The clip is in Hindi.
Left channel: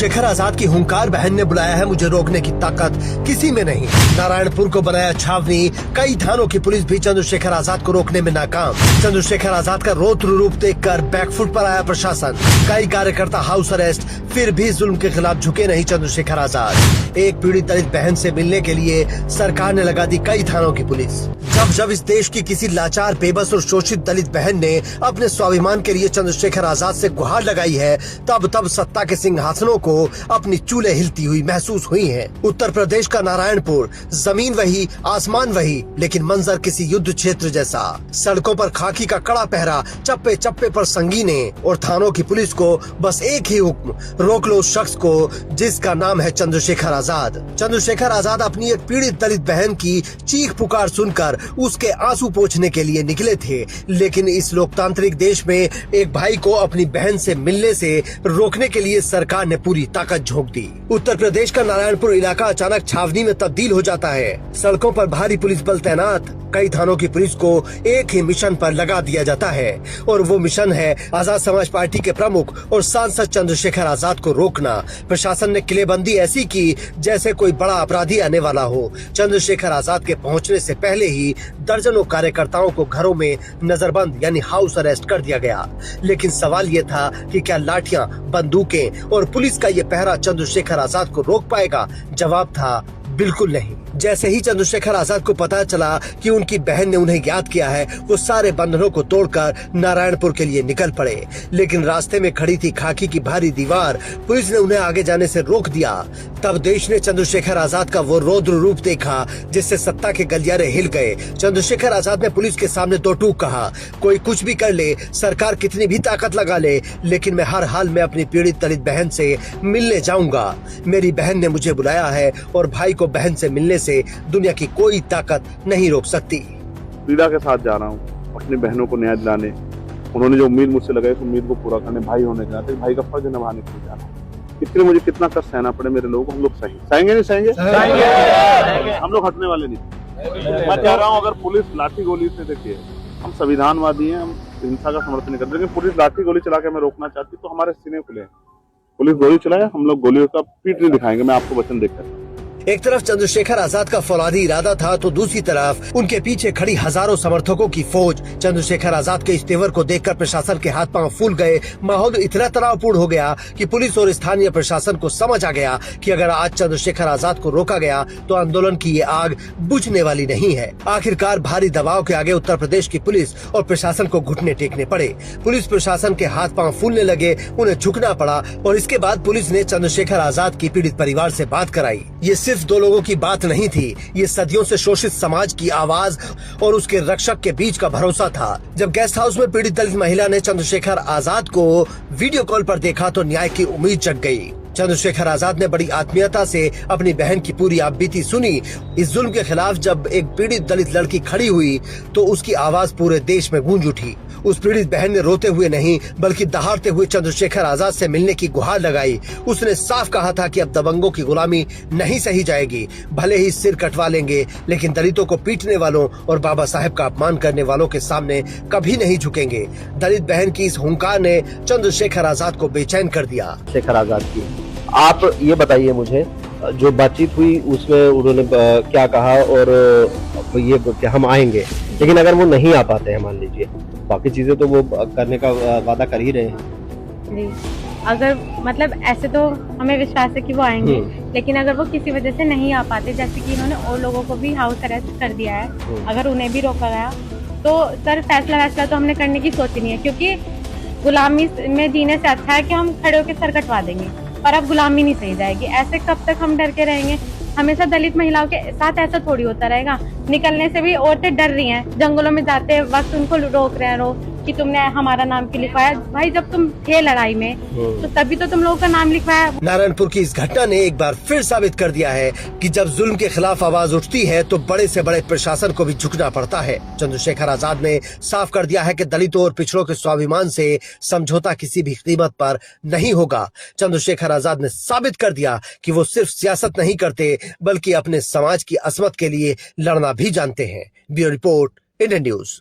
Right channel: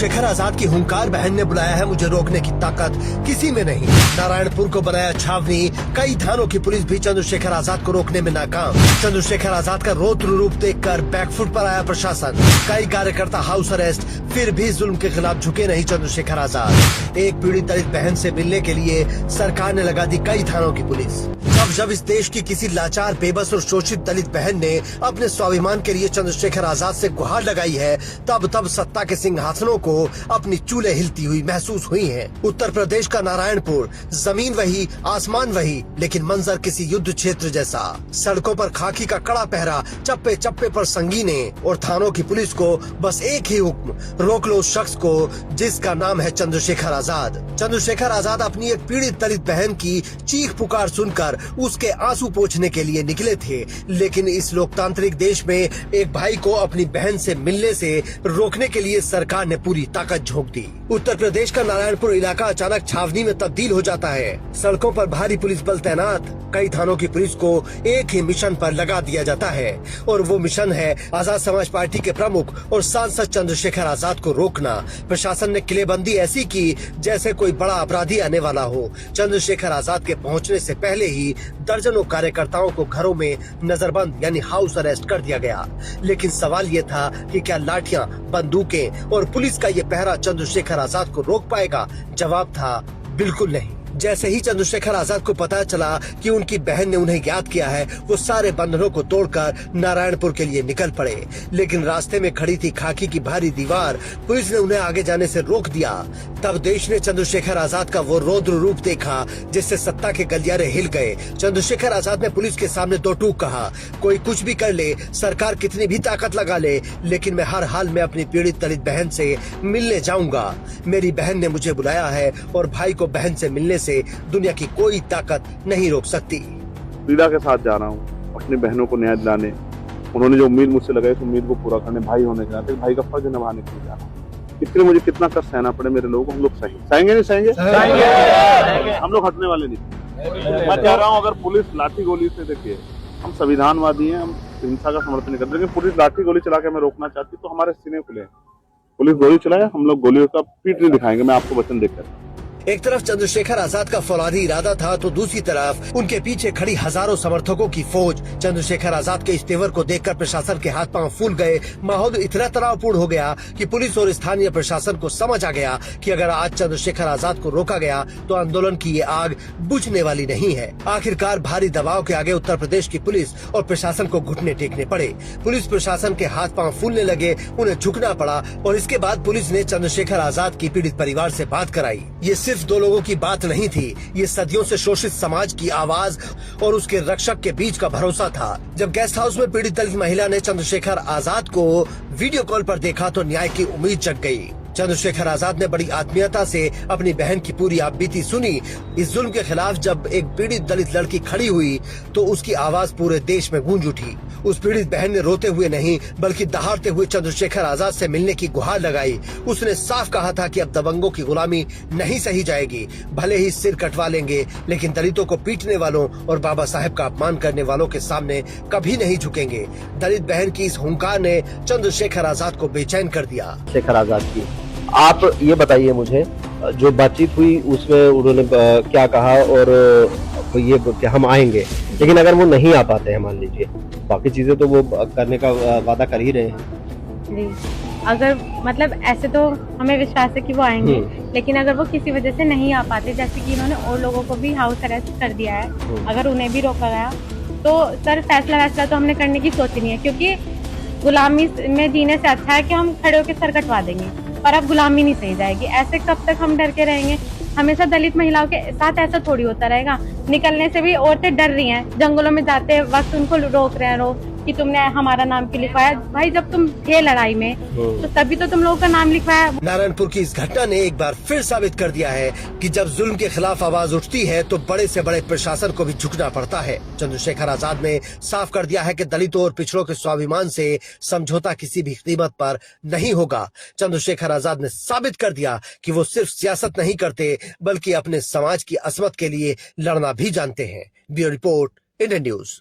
चंद्रशेखर आजाद की हुंकार बहन ने बुलाया है, मुझे रोकने की ताकत किसी में नहीं। नारायणपुर को बनाया छावनी, कई थानों की पुलिस भी चंद्रशेखर आजाद को रोकने में नाकाम। चंद्रशेखर आजाद का रौद्र रूप देखकर बैकफुट पर आया प्रशासन। कई कार्यकर्ता हाउस अरेस्ट, फिर भी जुल्म के खिलाफ झुके नहीं चंद्रशेखर आजाद। एक पीड़ित दलित बहन से मिलने के लिए सरकार ने लगा दी कई थानों की पुलिस। जब इस देश की किसी लाचार, बेबस और शोषित दलित बहन ने अपने स्वाभिमान के लिए चंद्रशेखर आजाद से गुहार लगाई है, तब सत्ता के सिंहासनों को अपनी चूल्हे हिलती हुई महसूस हुई है। उत्तर प्रदेश का नारायणपुर, जमीन वही, आसमान वही, लेकिन मंजर किसी युद्ध क्षेत्र जैसा। सड़कों पर खाकी का कड़ा पहरा, चप्पे चप्पे पर संगीने और थानों की पुलिस को बस एक ही हुक्म, रोक लो उस शख्स को जिसका नाम है चंद्रशेखर आजाद। चंद्रशेखर आजाद अपनी एक पीड़ित दलित बहन की चीख पुकार सुनकर उसके आंसू पोंछने के लिए निकले थे, लेकिन इस लोकतांत्रिक देश में एक भाई को अपनी बहन से मिलने से रोकने के लिए सरकार ने पूरी ताकत झोंक दी। उत्तर प्रदेश का नारायणपुर इलाका अचानक छावनी में तब्दील हो जाता है। सड़कों पर भारी पुलिस बल तैनात, कई थानों की पुलिस को एक ही मिशन पर लगा दिया जाता है और वो मिशन है आजाद समाज पार्टी के प्रमुख और सांसद चंद्रशेखर आजाद को रोकना। प्रशासन ने किलेबंदी ऐसी की जैसे कोई बड़ा अपराधी आने वाला हो। चंद्रशेखर आजाद के पहुंचने से पहले ही दर्जनों कार्यकर्ताओं को घरों में नजरबंद यानी हाउस अरेस्ट कर दिया गया। लेकिन सवाल ये था कि क्या लाठियां, बंदूकें और पुलिस का ये पहरा चंद्रशेखर आजाद को रोक पाएगा? जवाब था बिल्कुल नहीं। जैसे ही चंद्रशेखर आजाद को पता चला कि उनकी बहन ने उन्हें याद किया है, वो सारे बंधनों को तोड़कर नारायणपुर के लिए निकल पड़े। लेकिन रास्ते में खड़ी थी खाकी की भारी दीवार, पुलिस ने उन्हें आगे जाने से रोक दिया। तब देश ने चंद्रशेखर आजाद का वो रौद्र रूप देखा जिससे सत्ता के गलियारे हिल गए। चंद्रशेखर आजाद ने पुलिस के सामने दो टूक कहा, कोई कुछ भी कर ले, सरकार कितनी भी ताकत लगा ले, लेकिन मैं हर हाल में अपनी पीड़ित दलित बहन से मिलने जाऊंगा। मेरी बहन ने मुझे बुलाया है और भाई को बहन से मिलने से दुनिया की कोई ताकत नहीं रोक सकती। पीड़ा के साथ जा रहा हूँ अपनी बहनों को न्याय दिलाने। उन्होंने जो उम्मीद मुझसे लगाई, उस उम्मीद को पूरा करने, भाई होने के नाते भाई का फर्ज निभाने के लिए जा रहा हूँ। इसलिए मुझे कितना कष्ट सहना पड़े मेरे लोगों को, हम लोग सहेंगे नहीं सहेंगे, हम लोग हटने वाले नहीं। मैं कह रहा हूँ, अगर पुलिस लाठी गोली से, देखिए हम संविधानवादी हैं, हम हिंसा का समर्थन नहीं करते, लेकिन पुलिस लाठी गोली चला के हमें रोकना चाहती तो हमारे सीने खुले। पुलिस गोली चलाए, हम लोग गोलियों का पीठ नहीं दिखाएंगे, मैं आपको वचन देकर। एक तरफ चंद्रशेखर आजाद का फौलादी इरादा था तो दूसरी तरफ उनके पीछे खड़ी हजारों समर्थकों की फौज। चंद्रशेखर आजाद के इस तेवर को देखकर प्रशासन के हाथ पांव फूल गए। माहौल इतना तनावपूर्ण हो गया कि पुलिस और स्थानीय प्रशासन को समझ आ गया कि अगर आज चंद्रशेखर आजाद को रोका गया तो आंदोलन की ये आग बुझने वाली नहीं है। आखिरकार भारी दबाव के आगे उत्तर प्रदेश की पुलिस और प्रशासन को घुटने टेकने पड़े। पुलिस प्रशासन के हाथ पांव फूलने लगे, उन्हें झुकना पड़ा और इसके बाद पुलिस ने चंद्रशेखर आजाद की पीड़ित परिवार से बात कराई। ये सिर्फ दो लोगों की बात नहीं थी, ये सदियों से शोषित समाज की आवाज और उसके रक्षक के बीच का भरोसा था। जब गेस्ट हाउस में पीड़ित दलित महिला ने चंद्रशेखर आजाद को वीडियो कॉल पर देखा तो न्याय की उम्मीद जग गई। चंद्रशेखर आजाद ने बड़ी आत्मीयता से अपनी बहन की पूरी आपबीती सुनी। इस जुल्म के खिलाफ जब एक पीड़ित दलित लड़की खड़ी हुई तो उसकी आवाज पूरे देश में गूंज उठी। उस पीड़ित बहन ने रोते हुए नहीं बल्कि दहाड़ते हुए चंद्रशेखर आजाद से मिलने की गुहार लगाई। उसने साफ कहा था कि अब दबंगों की गुलामी नहीं सही जाएगी, भले ही सिर कटवा लेंगे, लेकिन दलितों को पीटने वालों और बाबा साहेब का अपमान करने वालों के सामने कभी नहीं झुकेंगे। दलित बहन की इस हुंकार ने चंद्रशेखर आजाद को बेचैन कर दिया। शेखर आजाद की आप ये बताइए मुझे, जो बातचीत हुई उसमें उन्होंने क्या कहा और ये कि हम आएंगे, लेकिन अगर वो नहीं आ पाते हैं, मान लीजिए बाकी चीजें तो वो करने का वादा कर ही रहे हैं जी। अगर मतलब ऐसे तो हमें विश्वास है कि वो आएंगे, लेकिन अगर वो किसी वजह से नहीं आ पाते, जैसे कि इन्होंने और लोगों को भी हाउस अरेस्ट कर दिया है, अगर उन्हें भी रोका गया तो सर फैसला तो हमने करने की सोची नहीं है, क्योंकि गुलामी में जीने से अच्छा है कि हम खड़े होकर सर कटवा देंगे, पर अब गुलामी नहीं सही जाएगी। ऐसे कब तक हम डर के रहेंगे? हमेशा दलित महिलाओं के साथ ऐसा थोड़ी होता रहेगा। निकलने से भी औरतें डर रही हैं, जंगलों में जाते वक्त उनको रोक रहे हैं कि तुमने हमारा नाम क्यों लिखवाया। भाई जब तुम थे लड़ाई में तो तभी तो तुम लोगों का नाम लिखवाया। नारायणपुर की इस घटना ने एक बार फिर साबित कर दिया है कि जब जुल्म के खिलाफ आवाज उठती है तो बड़े से बड़े प्रशासन को भी झुकना पड़ता है। चंद्रशेखर आजाद ने साफ कर दिया है कि दलितों और पिछड़ों के स्वाभिमान से समझौता किसी भी कीमत पर नहीं होगा। चंद्रशेखर आजाद ने साबित कर दिया कि वो सिर्फ सियासत नहीं करते बल्कि अपने समाज की असमत के लिए लड़ना भी जानते हैं। Bureau report, Indian news.